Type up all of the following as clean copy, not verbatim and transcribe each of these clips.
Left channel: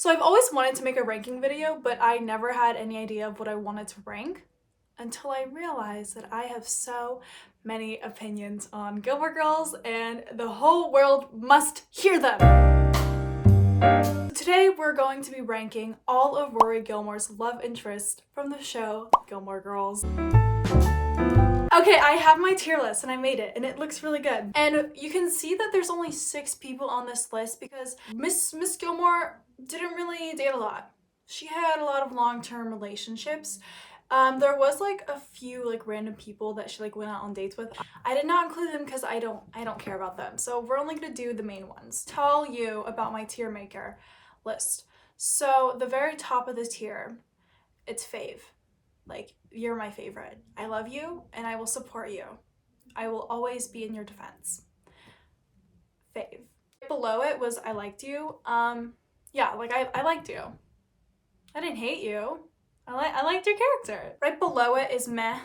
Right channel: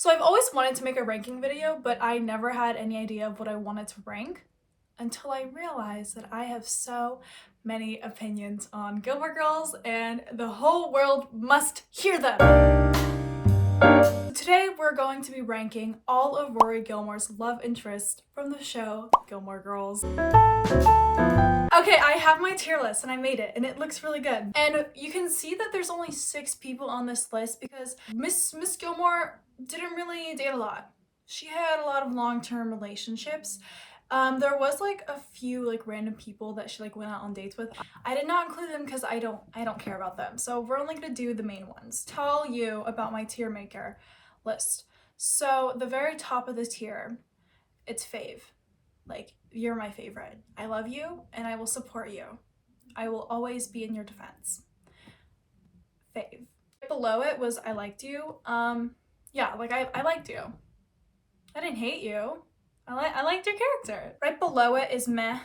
So I've always wanted to make a ranking video, but I never had any idea of what I wanted to rank until I realized that I have so many opinions on Gilmore Girls and the whole world must hear them. Today we're going to be ranking all of Rory Gilmore's love interests from the show Gilmore Girls. Okay, I have my tier list and I made it and it looks really good. And you can see that there's only 6 people on this list because Miss Gilmore didn't really date a lot. She had a lot of long-term relationships. There was like a few like random people that she like went out on dates with. I did not include them because I don't care about them. So we're only gonna do the main ones. Tell you about my tier maker list. So the very top of the tier, it's fave. Like, you're my favorite. I love you and I will support you. I will always be in your defense. Fave. Below it was I liked you. Yeah, like I liked you. I didn't hate you. I liked your character. Right below it is meh.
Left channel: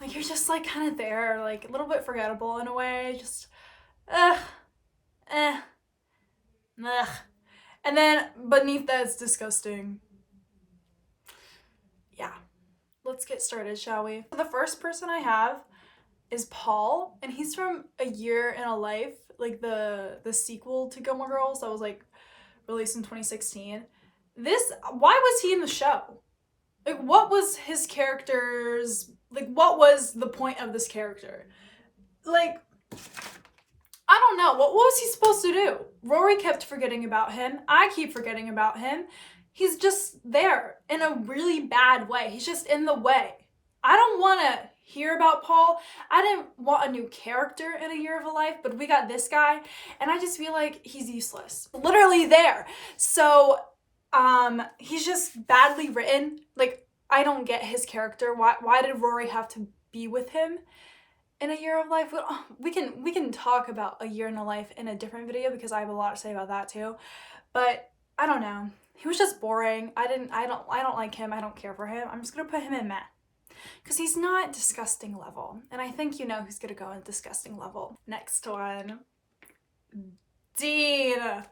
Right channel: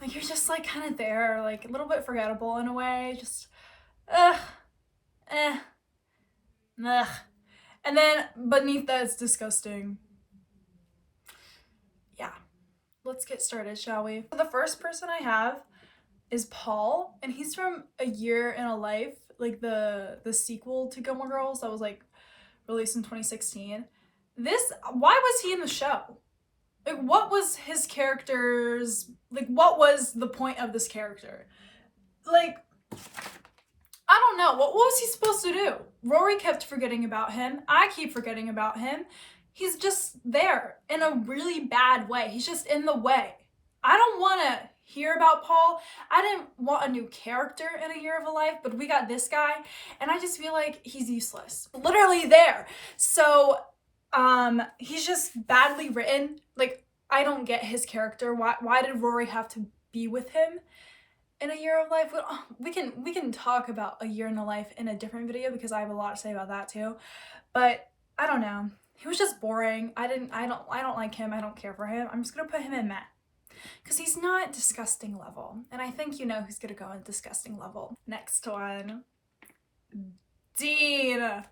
Like, you're just like kind of there, like a little bit forgettable in a way. Just ugh. And then beneath that is disgusting. Yeah. Let's get started, shall we? The first person I have is Paul, and he's from A Year in a Life, like the sequel to Gilmore Girls that was like released in 2016. Why was he in the show? Like, what was his character's, like, what was the point of this character? Like, I don't know. What was he supposed to do? Rory kept forgetting about him. I keep forgetting about him. He's just there in a really bad way. He's just in the way. I don't want to hear about Paul. I didn't want a new character in A Year of a Life, but we got this guy, and I just feel like he's useless. Literally there. So, he's just badly written. Like, I don't get his character. Why did Rory have to be with him in A Year of Life? We can talk about A Year in a Life in a different video because I have a lot to say about that too. But I don't know. He was just boring. I don't like him. I don't care for him. I'm just gonna put him in meh. Because he's not disgusting level. And I think you know who's gonna go in disgusting level. Next one. Dean.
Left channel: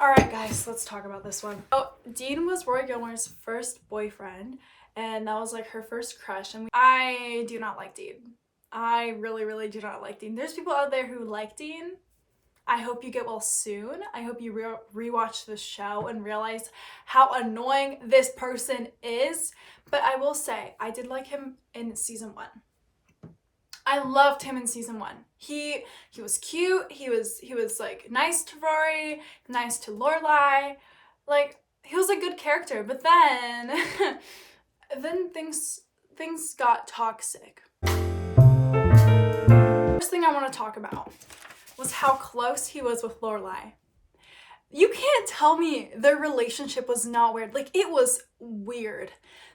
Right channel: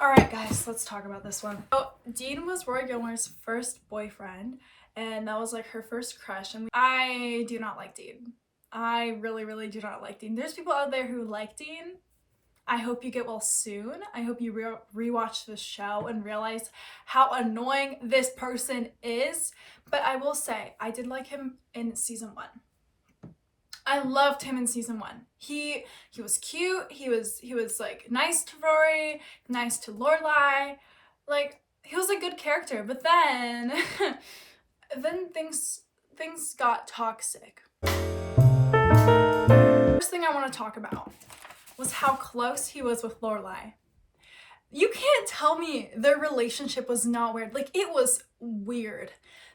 Alright guys, let's talk about this one. Oh, Dean was Rory Gilmore's first boyfriend. And that was like her first crush. And I do not like Dean. I really do not like Dean. There's people out there who like Dean. I hope you get well soon. I hope you rewatch the show and realize how annoying this person is. But I will say, I did like him in season 1. I loved him in season 1. He was cute. He was like nice to Rory, nice to Lorelai. Like, he was a good character. But then then things got toxic. First thing I want to talk about was how close he was with Lorelai. You can't tell me their relationship was not weird. Like, it was weird.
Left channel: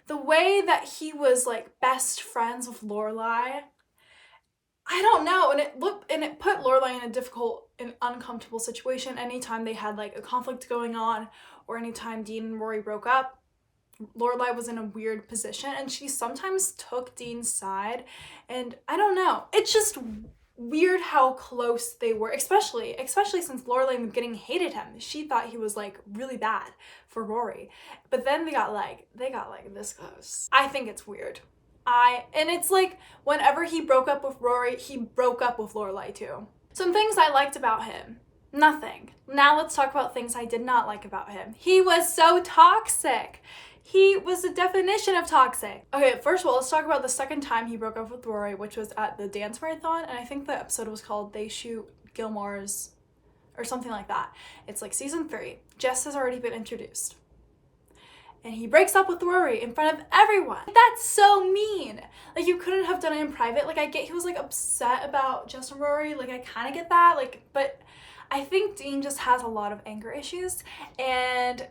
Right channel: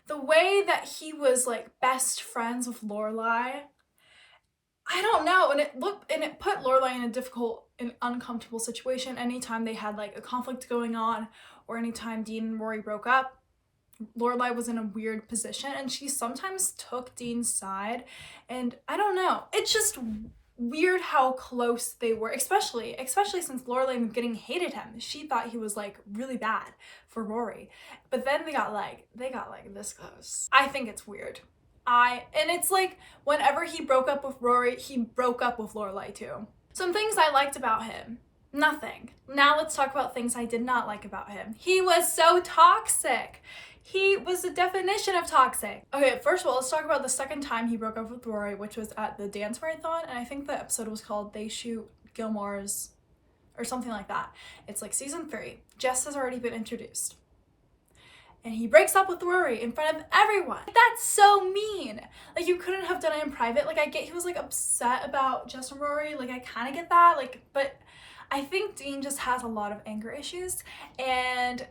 The way that he was like best friends with Lorelai, I don't know. And it put Lorelai in a difficult and uncomfortable situation anytime they had like a conflict going on, or anytime Dean and Rory broke up. Lorelai was in a weird position and she sometimes took Dean's side, and I don't know. It's just weird how close they were, especially since Lorelai getting hated him. She thought he was like really bad for Rory, but then they got like this close. I think it's weird. And it's like whenever he broke up with Rory, he broke up with Lorelai too. Some things I liked about him. Nothing. Now let's talk about things I did not like about him. He was so toxic. He was the definition of toxic. Okay, first of all, let's talk about the second time he broke up with Rory, which was at the dance marathon, and I think the episode was called They Shoot Gilmore's, or something like that. It's like season 3. Jess has already been introduced. And he breaks up with Rory in front of everyone. That's so mean. Like, you couldn't have done it in private. Like, I get he was like upset about Jess and Rory. Like, I kind of get that. Like, but I think Dean just has a lot of anger issues, and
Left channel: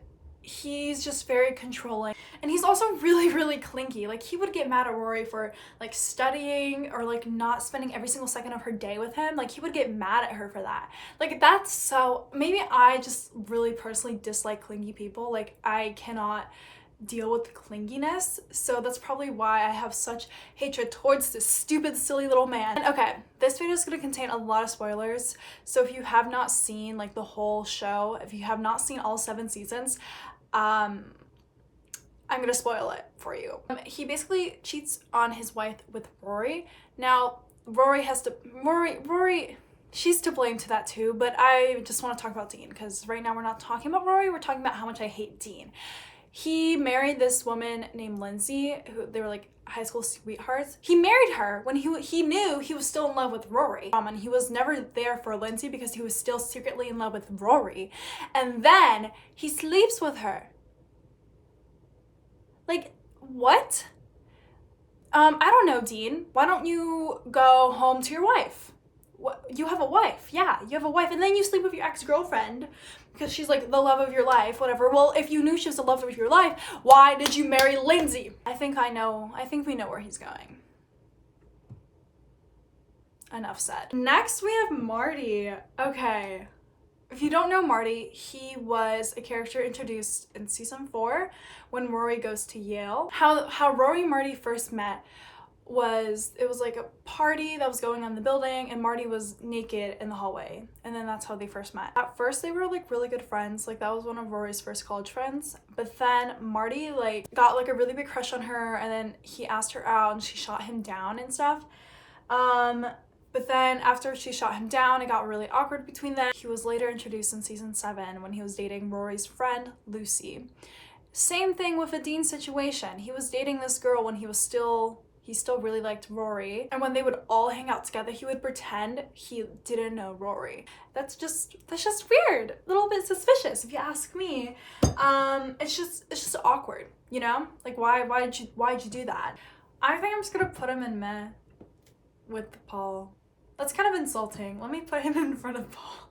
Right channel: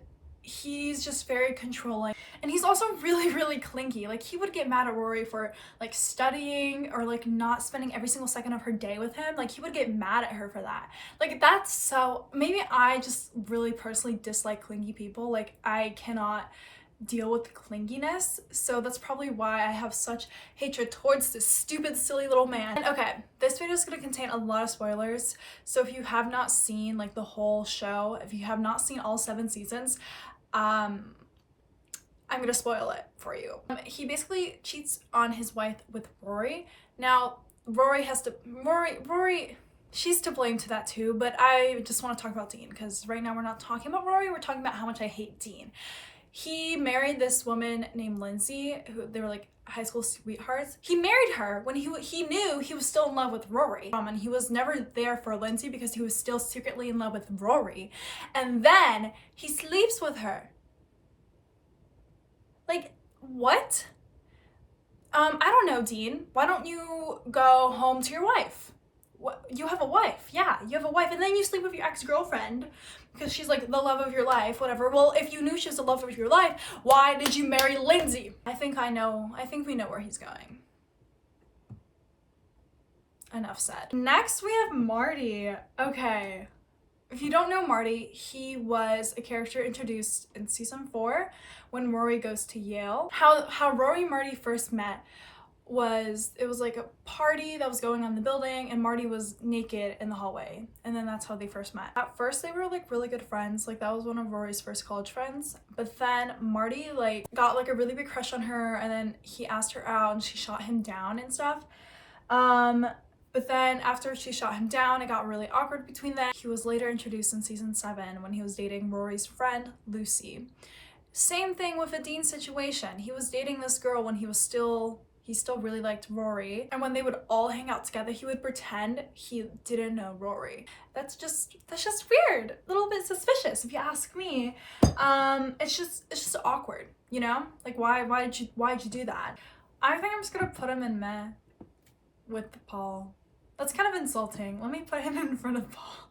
he's just very controlling, and he's also really clingy. Like, he would get mad at Rory for like studying or like not spending every single second of her day with him. Like, he would get mad at her for that. Like, that's so, maybe I just really personally dislike clingy people. Like, I cannot deal with the clinginess, so that's probably why I have such hatred towards this stupid, silly little man. Okay, this video is going to contain a lot of spoilers, so if you have not seen like the whole show, if you have not seen all 7 seasons, I'm gonna spoil it for you. He basically cheats on his wife with Rory. Now, Rory, she's to blame to that too, but I just want to talk about Dean, because right now we're not talking about Rory, we're talking about how much I hate Dean. He married this woman named Lindsay, who they were like high school sweethearts. He married her when he knew he was still in love with Rory. And he was never there for Lindsay because he was still secretly in love with Rory. And then he sleeps with her. Like, what? I don't know, Dean. Why don't you go home to your wife? What? You have a wife. Yeah, you have a wife. And then you sleep with your ex-girlfriend because she's like the love of your life, whatever. Well, if you knew she was the love of your life, why did you marry Lindsay? I think we know where he's going. Enough said. Next, we have Marty. Okay. If you don't know Marty, he was a character introduced in season 4 when Rory goes to Yale. How Rory and Marty first met was, it was like a party that was going on in the building and Marty was naked in the hallway, and then that's how they first met. At first they were like really good friends, like that was one of Rory's first college friends, but then Marty like got like a really big crush on her, and then he asked her out and she shot him down and stuff. But then after she shot him down, it got really awkward between them. He was later introduced in season 7 when he was dating Rory's friend, Lucy. Same thing with the Dean situation. He was dating this girl when he still really liked Rory. And when they would all hang out together, he would pretend he didn't know Rory. That's just weird. A little bit suspicious if you ask me. It's just awkward, you know? Like why'd you do that? I think I'm just gonna put him in meh with Paul. That's kind of insulting. Let me put him in front of Paul.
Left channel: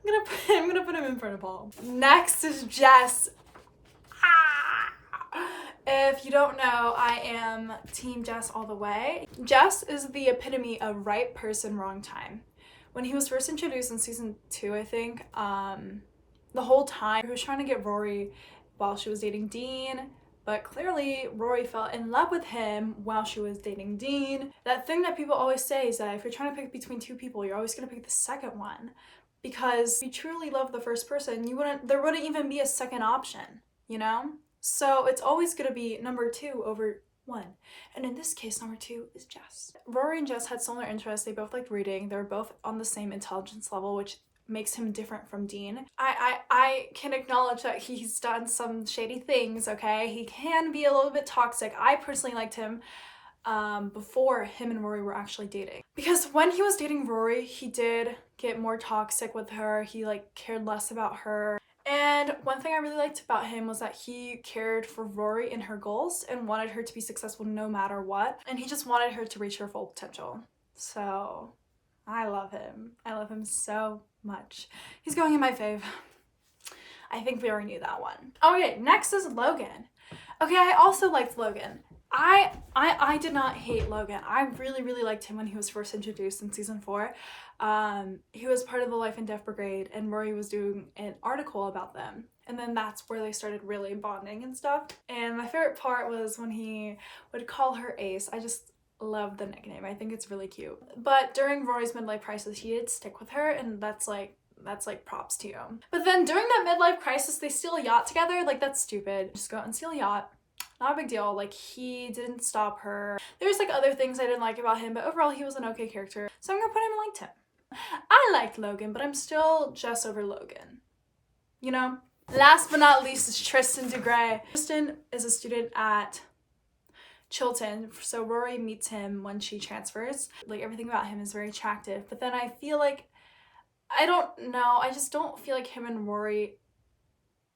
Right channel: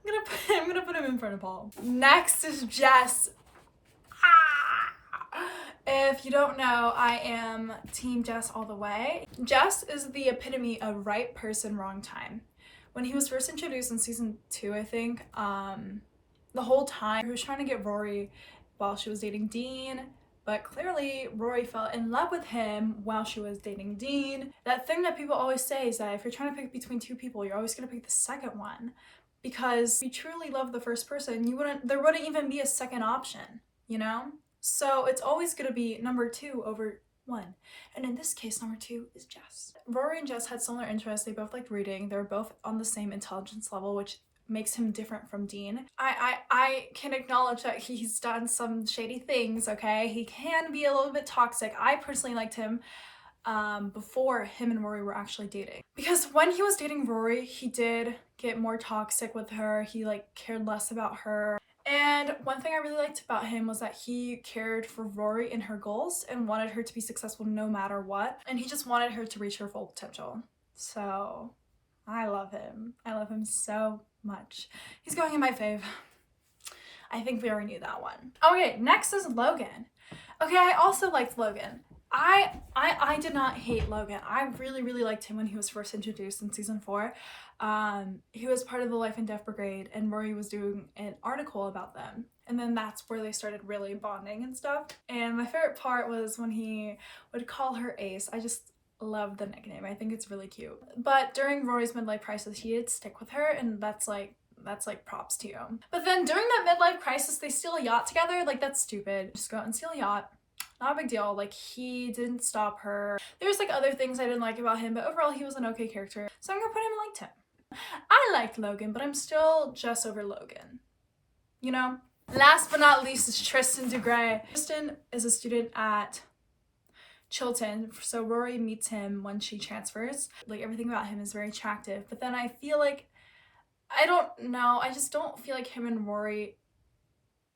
I'm gonna put him in front of Paul. Next is Jess. If you don't know, I am team Jess all the way. Jess is the epitome of right person, wrong time. When he was first introduced in season 2, I think, the whole time he was trying to get Rory while she was dating Dean, but clearly Rory fell in love with him while she was dating Dean. That thing that people always say is that if you're trying to pick between 2 people, you're always gonna pick the second one, because if you truly love the first person, there wouldn't even be a second option, you know? So it's always gonna be number 2 over 1. And in this case, number 2 is Jess. Rory and Jess had similar interests. They both liked reading. They were both on the same intelligence level, which makes him different from Dean. I can acknowledge that he's done some shady things, okay? He can be a little bit toxic. I personally liked him before him and Rory were actually dating. Because when he was dating Rory, he did get more toxic with her. He like cared less about her. And one thing I really liked about him was that he cared for Rory and her goals and wanted her to be successful no matter what. And he just wanted her to reach her full potential. So I love him. I love him so much. He's going in my fave. I think we already knew that one. Okay, next is Logan. Okay, I also liked Logan. I did not hate Logan. I really liked him when he was first introduced in season 4. He was part of the Life and Death Brigade, and Rory was doing an article about them. And then that's where they started really bonding and stuff. And my favorite part was when he would call her Ace. I just love the nickname. I think it's really cute. But during Rory's midlife crisis, he did stick with her, and that's like props to you. But then during that midlife crisis, they steal a yacht together. Like, that's stupid. Just go out and steal a yacht. Not a big deal. Like, he didn't stop her. There's like other things I didn't like about him, but overall he was an okay character. So I'm gonna put him in liked him. I liked Logan, but I'm still Jess over Logan. You know? Last but not least is Tristan DeGray. Tristan is a student at Chilton, so Rory meets him when she transfers. Like, everything about him is very attractive, but then I feel like, I don't know, I just don't feel like him and Rory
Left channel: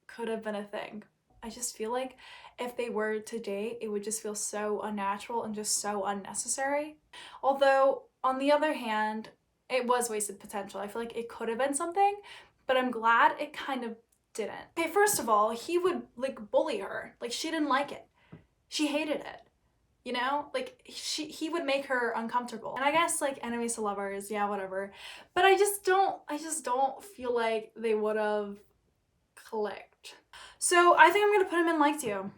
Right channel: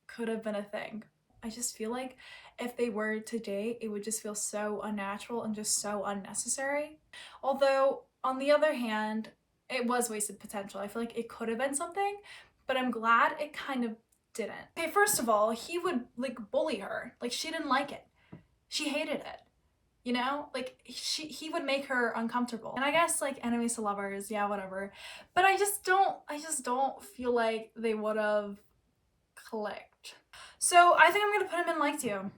could have been a thing. I just feel like if they were to date, it would just feel so unnatural and just so unnecessary. Although, on the other hand, it was wasted potential. I feel like it could have been something, but I'm glad it kind of didn't. Okay, first of all, he would like bully her. Like, she didn't like it. She hated it. You know? Like, he would make her uncomfortable. And I guess like enemies to lovers, yeah, whatever. But I just don't feel like they would have clicked. So I think I'm gonna put him in liked you.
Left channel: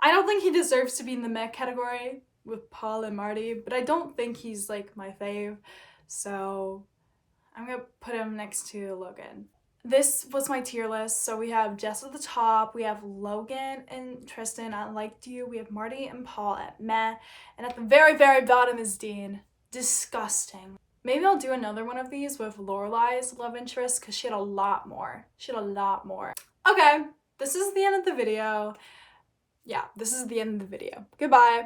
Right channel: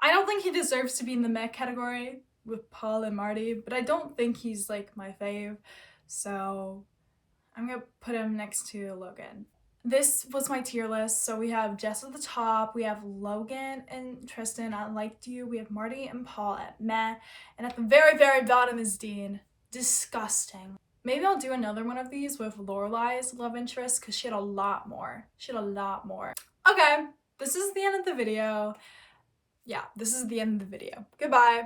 I don't think he deserves to be in the meh category with Paul and Marty, but I don't think he's like my fave. So I'm gonna put him next to Logan. This was my tier list. So we have Jess at the top, we have Logan and Tristan, I liked you, we have Marty and Paul at meh, and at the very, very bottom is Dean. Disgusting. Maybe I'll do another one of these with Lorelai's love interest because she had a lot more. Okay, this is the end of the video. Yeah, this is the end of the video. Goodbye.